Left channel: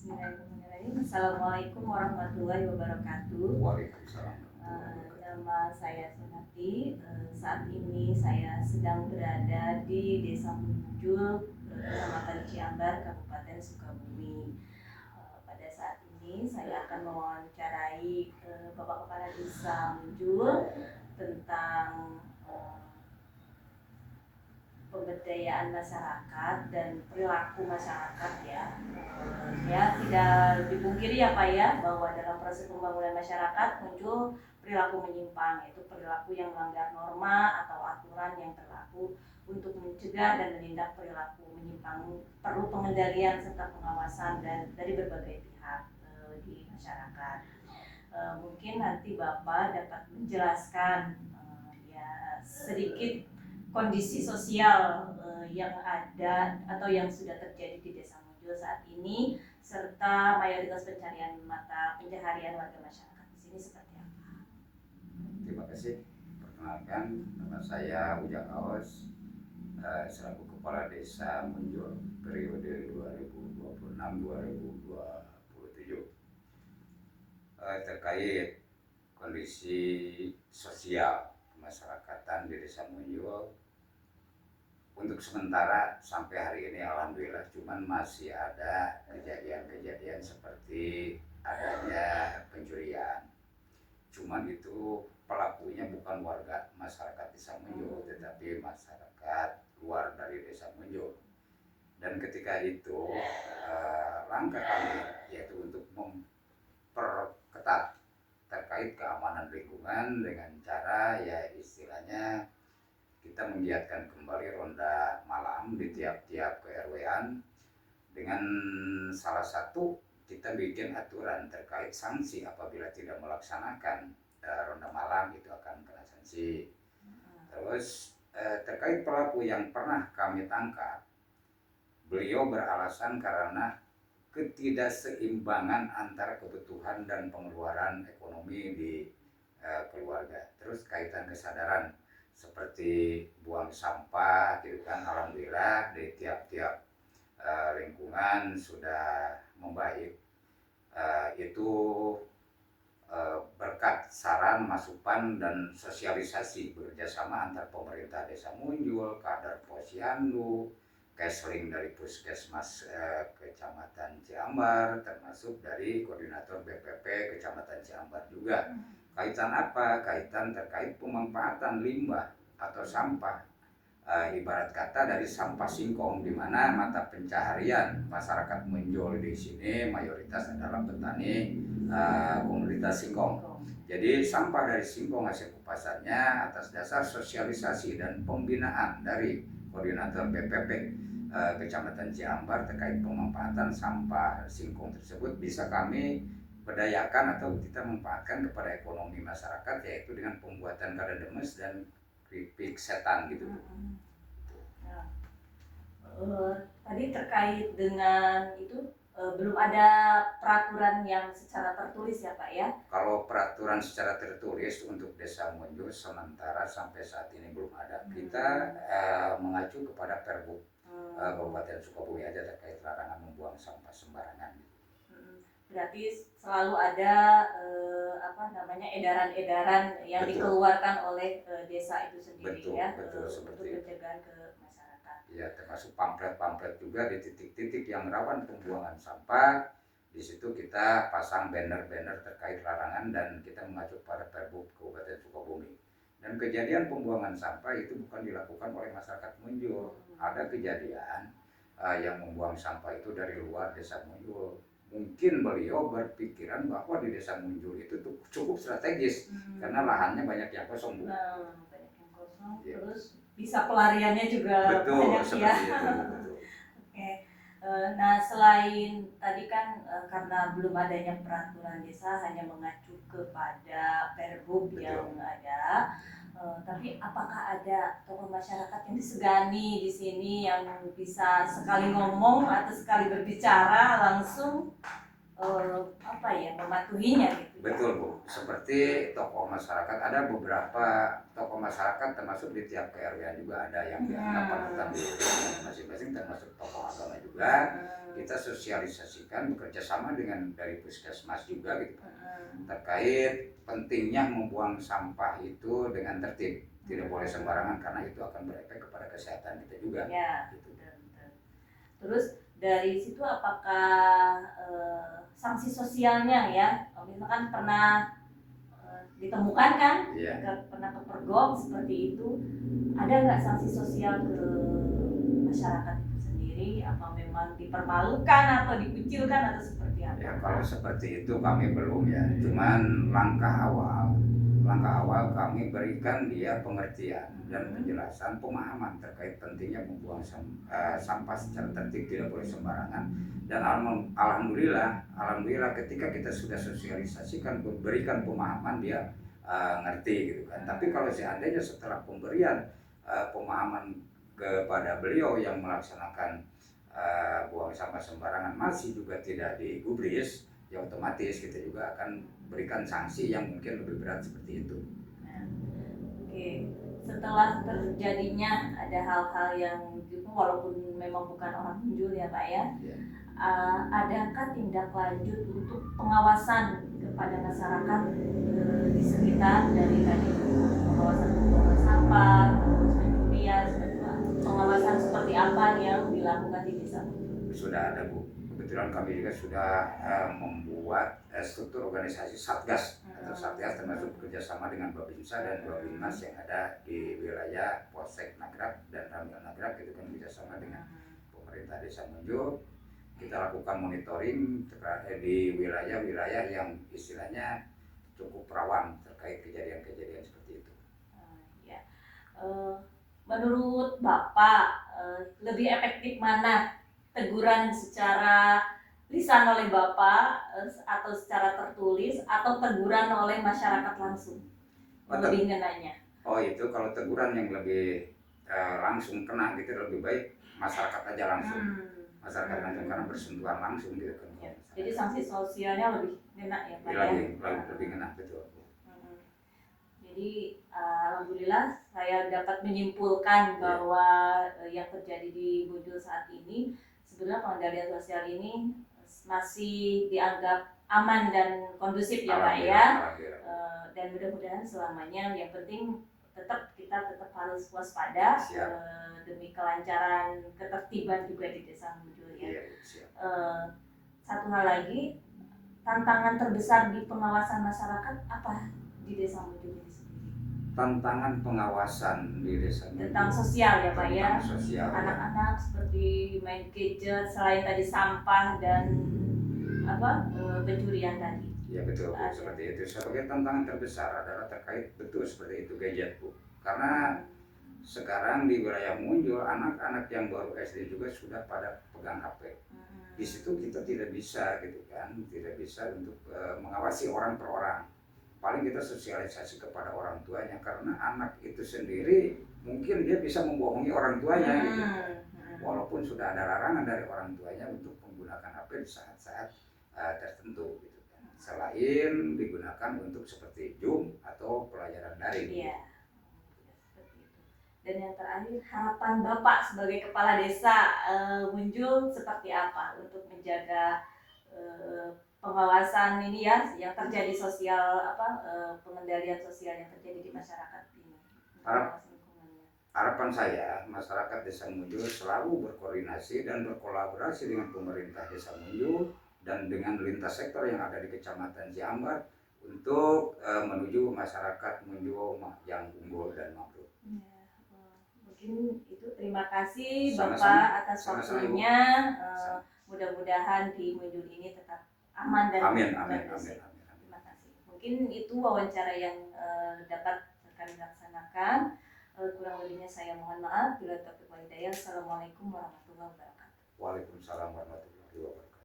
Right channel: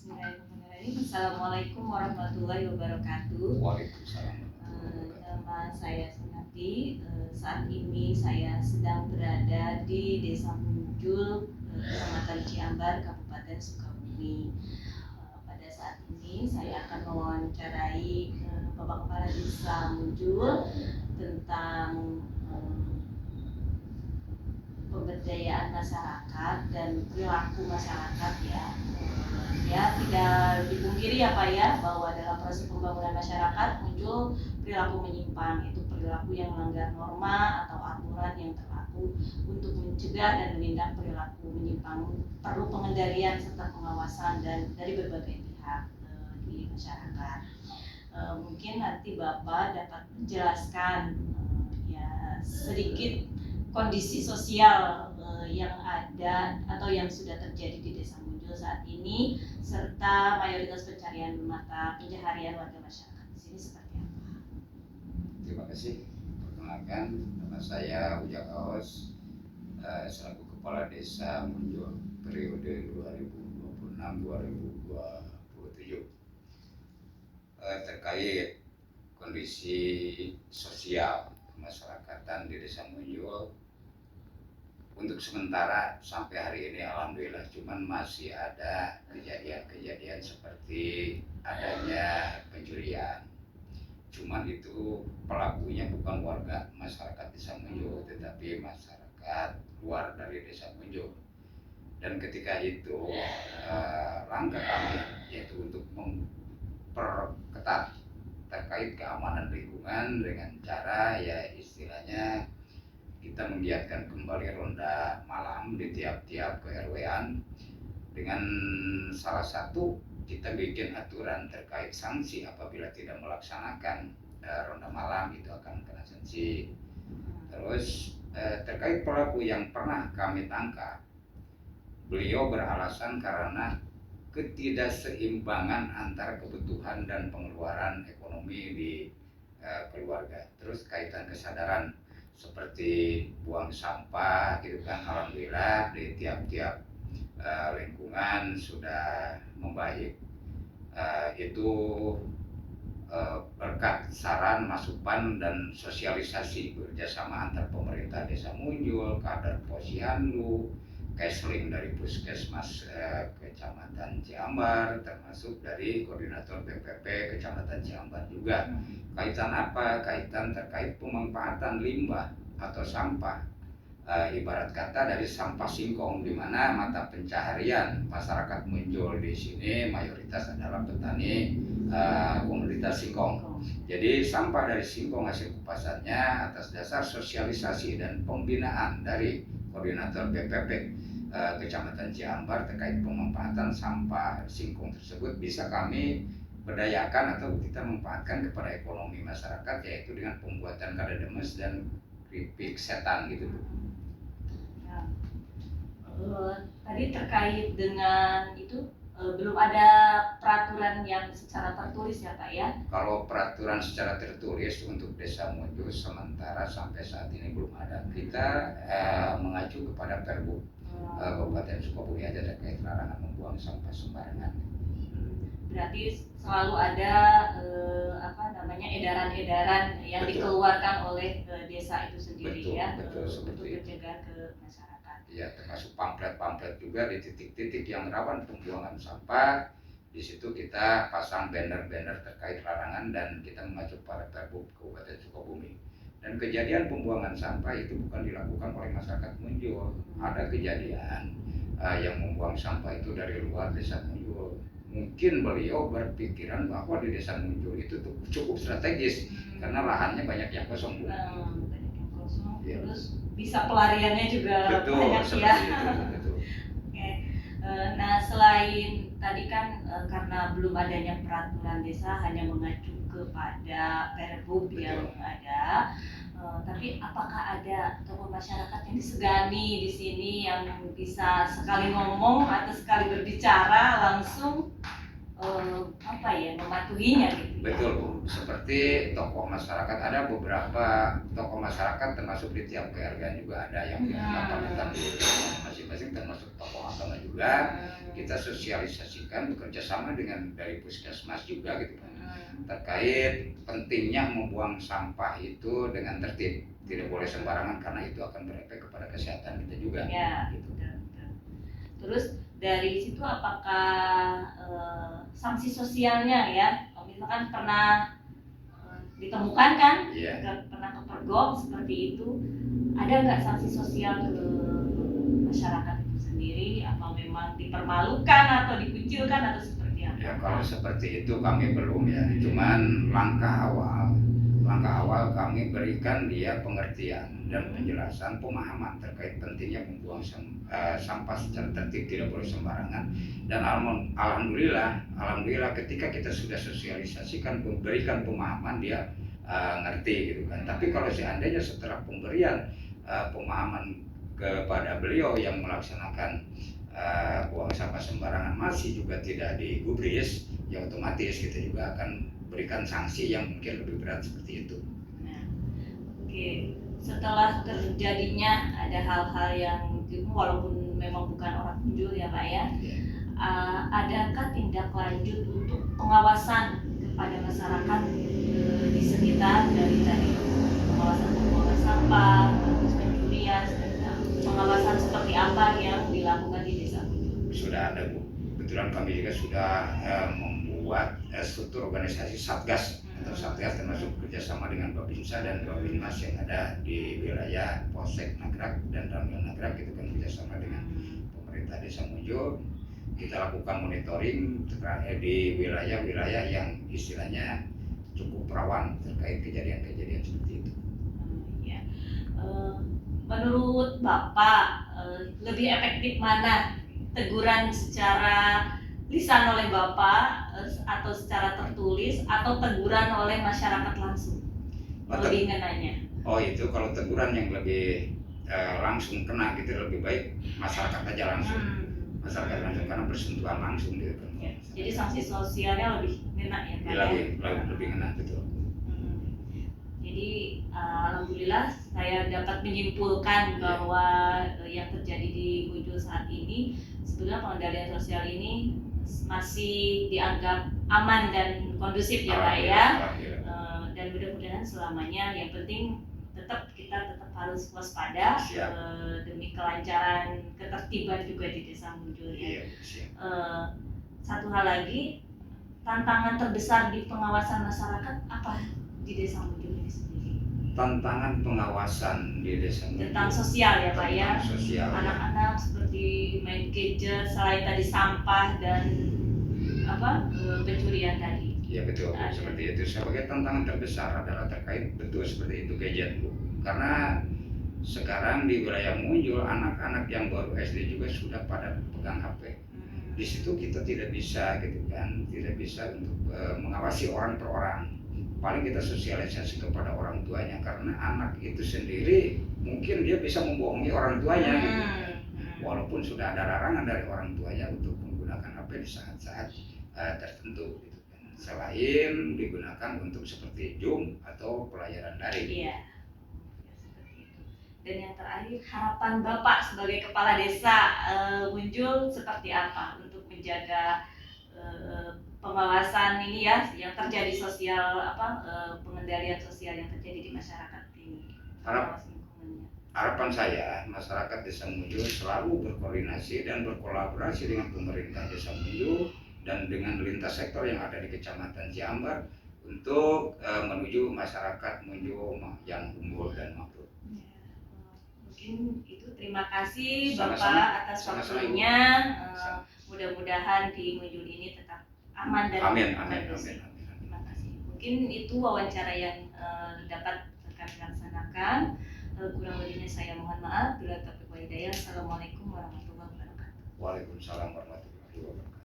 Bismillahirrahmanirrahim. Assalamualaikum warahmatullahi wabarakatuh. Waalaikumsalam warahmatullahi wabarakatuh. Nama saya Sunati. Saat ini saya sedang berada di Desa Munjul, Kecamatan Ciambar, Kabupaten Sukabumi. Pada saat ini saya akan mewawancarai Bapak Kepala Desa Munjul tentang pemberdayaan masyarakat dan perilaku masyarakat ya. Ya tidak dipungkiri ya Pak ya, bahwa dalam proses pembangunan masyarakat muncul perilaku menyimpang, yaitu perilaku yang melanggar norma atau aturan yang berlaku. Untuk mencegah dan menindak perilaku menyimpang perlu pengendalian serta pengawasan dan dari berbagai pihak di masyarakat. Mungkin nanti Bapak dapat menjelaskan ya sedikit kondisi sosial yang ada atau yang sudah terjadi di Desa Munjul saat ini, serta mayoritas pencarian mata pencaharian warga masyarakat di sini seperti apa? Terima kasih. Perkenalkan, nama saya Ujak Kaos, selaku Kepala Desa Munjul periode 2026-2027. Terkait kondisi sosial kemasyarakatan di Desa Munjul, untuk sementara sampai hari ini alhamdulillah cuman masih ada kejadian-kejadian seperti adanya pencurian. Cuman itu pelakunya bukan warga masyarakat Desa Munjul, tetapi masyarakat luar dari Desa Munjul. Dan ketika itu langkah kami yaitu untuk memperketat terkait keamanan lingkungan dengan cara ya istilahnya kita menggiatkan kembali ronda malam di tiap-tiap ke-RW-an, dengan salah satu kita bikin aturan terkait sanksi apabila tidak melaksanakan ronda malam itu akan kena sanksi. Terus terkait pelaku yang pernah kami tangkap, beliau beralasan karena ketidakseimbangan antara kebutuhan dan pengeluaran ekonomi di keluarga. Terus kaitan kesadaran seperti buang sampah gitu kan, alhamdulillah di tiap-tiap lingkungan sudah membaik. Itu berkat saran, masukan dan sosialisasi bekerjasama antar pemerintah Desa Munjul, kader Posyandu, Kesling dari Puskesmas Kecamatan Ciambar, termasuk dari Koordinator BPP Kecamatan Ciambar juga. Kaitan apa? Kaitan terkait pemanfaatan limbah atau sampah. Ibarat kata dari sampah singkong, di mana mata pencaharian masyarakat Munjul di sini mayoritas adalah petani komoditas singkong. Jadi sampah dari singkong hasil kupasannya atas dasar sosialisasi dan pembinaan dari Koordinator BPP Kecamatan Ciambar terkait pemanfaatan sampah singkong tersebut bisa kami berdayakan atau kita manfaatkan kepada ekonomi masyarakat, yaitu dengan pembuatan kadademes dan keripik setan gitu. Ya. Tadi terkait dengan itu belum ada peraturan yang secara tertulis ya Pak ya? Kalau peraturan secara tertulis untuk Desa Munjul sementara sampai saat ini belum ada. Kita mengacu kepada Pergub Kabupaten Sukabumi aja terkait larangan membuang sampah sembarangan. Berarti selalu ada edaran-edaran yang dikeluarkan oleh desa itu sendiri. Betul, ya, betul, untuk mencegah ke masyarakat. Ya, termasuk pamflet-pamflet juga di titik-titik yang rawan pembuangan sampah. Di situ kita pasang banner-banner terkait larangan dan kita mengacu pada Pergub Kabupaten Sukabumi. Dan kejadian pembuangan sampah itu bukan dilakukan oleh masyarakat Munjul. Ada kejadian yang membuang sampah itu dari luar Desa Munjul. Mungkin beliau berpikiran bahwa di Desa Munjul itu tuh cukup strategis karena lahannya banyak yang kosong. Banyak yang kosong, ya. Terus bisa pelariannya juga betul, banyak ya. Itu, betul. Oke. Nah selain tadi kan karena belum adanya peraturan desa hanya mengacu kepada Pergub yang ada. Tapi apakah ada tokoh masyarakat yang disegani di sini yang bisa sekali ngomong atau sekali berbicara langsung mematuhinya gitu. Betul Bu, seperti tokoh masyarakat, ada beberapa tokoh masyarakat termasuk di tiap KRW juga ada yang dianggap panutan di masing-masing, termasuk tokoh agama juga. Kita sosialisasikan bekerja sama dengan dari puskesmas juga gitu terkait pentingnya membuang sampah itu dengan tertib, tidak boleh sembarangan karena itu akan berefek kepada kesehatan kita juga. Ya, gitu. Terus dari situ apakah sanksi sosialnya ya, misalkan pernah ditemukan kan, pernah kepergok seperti itu, ada nggak sanksi sosial ke masyarakat itu sendiri? Apa memang dipermalukan atau dikucilkan atau seperti apa? Ya kalau seperti itu kami belum ya, cuman langkah awal kami berikan dia pengertian dan penjelasan pemahaman terkait pentingnya membuang sampah secara tertib, tidak boleh sembarangan. Dan alhamdulillah ketika kita sudah sosialisasikan, berikan pemahaman, dia ngerti gitu kan. Tapi kalau seandainya setelah pemberian pemahaman kepada beliau yang melaksanakan buang sampah sembarangan masih juga tidak digubris, ya otomatis kita juga akan berikan sanksi yang mungkin lebih berat seperti itu. Oke, setelah terjadinya ada hal-hal yang walaupun memang bukan orang Munjul ya Pak ya, adakah tindak lanjut untuk pengawasan kepada masyarakat di sekitar dari tadi pengawasan pembuangan sampah, terus pencurian, pengawasan seperti apa yang dilakukan di desa Munjul? Sudah ada Bu, kebetulan kami juga sudah membuat struktur organisasi Satgas atau Satgas, termasuk kerjasama dengan Babinsa dan Babinmas yang ada di wilayah Polsek Nagrak dan Ramil Nagrak. Itu kan kerjasama dengan pemerintah Desa Munjul. Kita lakukan monitoring di wilayah-wilayah yang istilahnya cukup rawan terkait kejadian-kejadian seperti itu. Ya. Menurut Bapak lebih efektif mana, teguran secara lisan oleh Bapak atau secara tertulis atau teguran oleh masyarakat langsung? Lebih ngenanya. Oh itu kalau teguran yang lebih langsung kena gitu, lebih baik masyarakat aja langsung. Masyarakat langsung karena bersentuhan langsung gitu kan. Ya, jadi sanksi sosialnya lebih ngena ya Pak ya? Lebih ngena, betul. Jadi alhamdulillah saya dapat menyimpulkan bahwa yang terjadi di Munjul saat ini sebenarnya pengendalian sosial ini masih dianggap aman dan kondusif ya Pak ya. Dan mudah-mudahan selamanya, yang penting kita tetap harus waspada demi kelancaran ketertiban juga di Desa Munjul ya. Satu hal lagi, tantangan terbesar di pengawasan masyarakat apa di Desa Munjul ini sendiri? Tantangan pengawasan di Desa Munjul tentang sosial ya Pak ya. Anak-anak seperti main gadget, selain tadi sampah dan pencurian tadi. Ya betul, seperti itu. Sebagai tantangan terbesar adalah terkait betul seperti itu gadget Bu. Karena sekarang di wilayah Munjul anak-anak yang baru SD juga sudah pada pegang HP. Di situ kita tidak bisa gitu kan, tidak bisa untuk mengawasi orang per orang. Paling kita sosialisasi kepada orang tuanya, karena anak itu sendiri mungkin dia bisa membohongi orang tuanya gitu. Walaupun sudah ada larangan dari orang tuanya untuk menggunakan HP di saat-saat tertentu gitu kan. Selain digunakan untuk seperti Zoom atau pelajaran daring. Iya. Seperti itu. Dan yang terakhir, harapan Bapak sebagai kepala desa Munjul seperti apa untuk menjaga pengawasan ini ya, yang terjadi sosial pengendalian sosial yang terjadi di masyarakat ini? Harapan saya, masyarakat Desa Munjul selalu berkoordinasi dan berkolaborasi dengan pemerintah Desa Munjul dan dengan lintas sektor yang ada di Kecamatan Ciambar untuk menuju masyarakat Munjul yang unggul dan makmur. Mungkin itu, terima kasih Bapak atas waktunya. Mudah-mudahan di Munjul ini tetap aman dan amin. Terima kasih. Mungkin itu wawancara yang dapat kami laksanakan. Kurang lebihnya saya mohon maaf. Bila taufiq wal hidayah. Assalamualaikum warahmatullahi wabarakatuh. Waalaikumsalam warahmatullahi wabarakatuh.